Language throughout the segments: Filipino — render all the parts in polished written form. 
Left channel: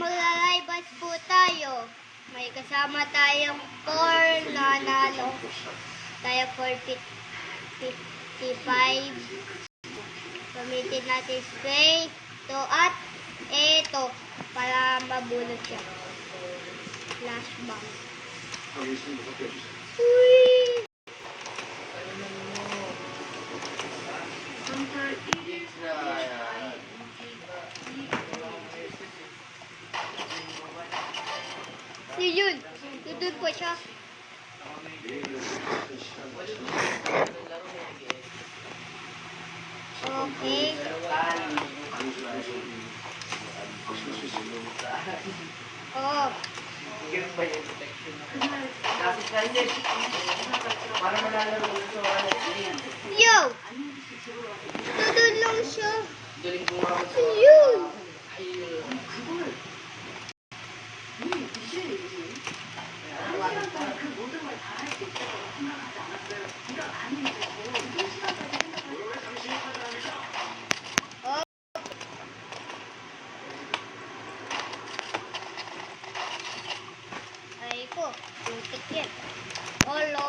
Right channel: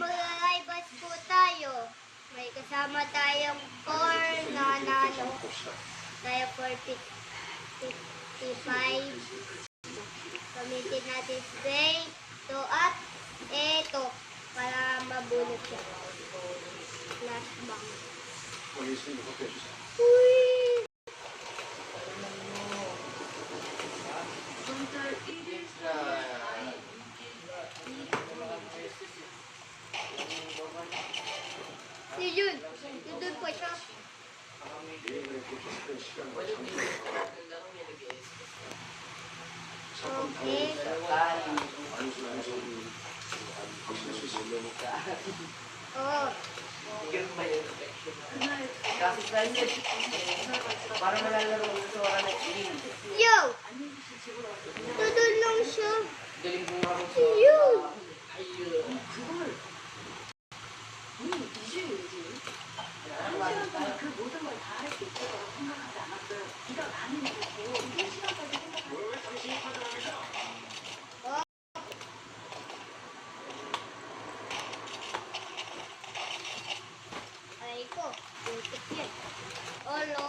maglalibas po tayo. May kasama tayong core na nalo. Tayo 455. Gamitin natin spray. Ito at ito. Para mabulot siya. Flashbang. Uy! Yun. Doon po siya. Okay. Oh. Yo! Doon lang siya. Yun! Ay ko, butik yan. Olo.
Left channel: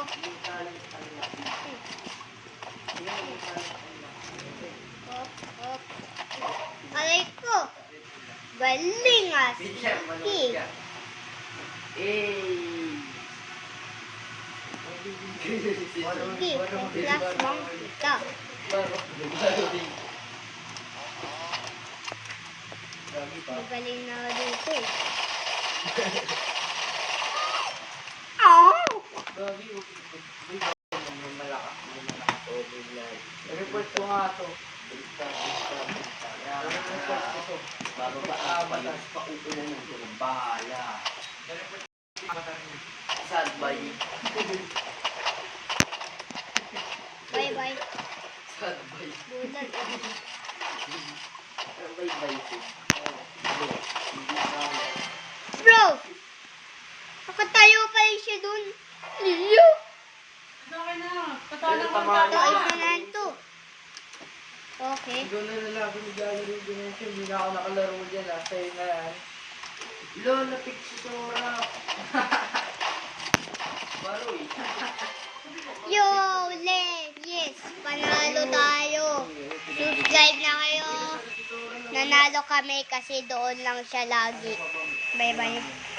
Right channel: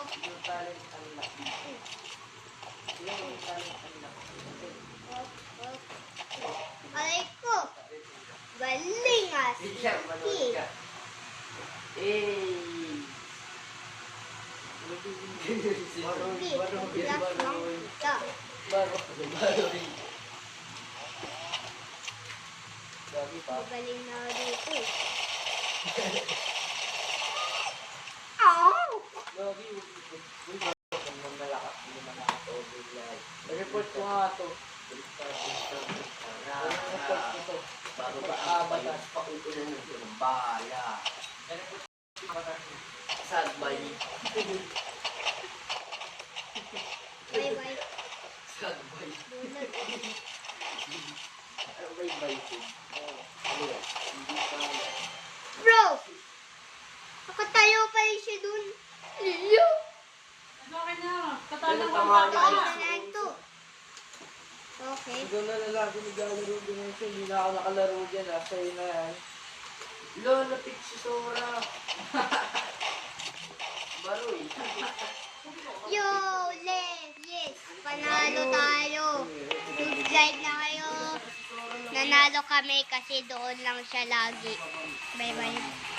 Aray ko. Galing ah. Magaling na dito eh. Report ko nga ito. Batas pa utunan mo ito ng bahala. Sad bye. Bye bye. Sad bye. Bulan. Bye bye. Bro! Nakatayo pa rin siya dun. Iyo! Okay na. Patalo ko Tayo na lang to. Okay. Doon na nalago ni Gallery Dimension. Hindi na ako nakalaro dyan. Sa'yo na yan. Lola Pixisora. Baroy. Yo! Yes! Panalo tayo. Subscribe na kayo. Nanalo kami kasi doon lang siya lagi. Bye bye.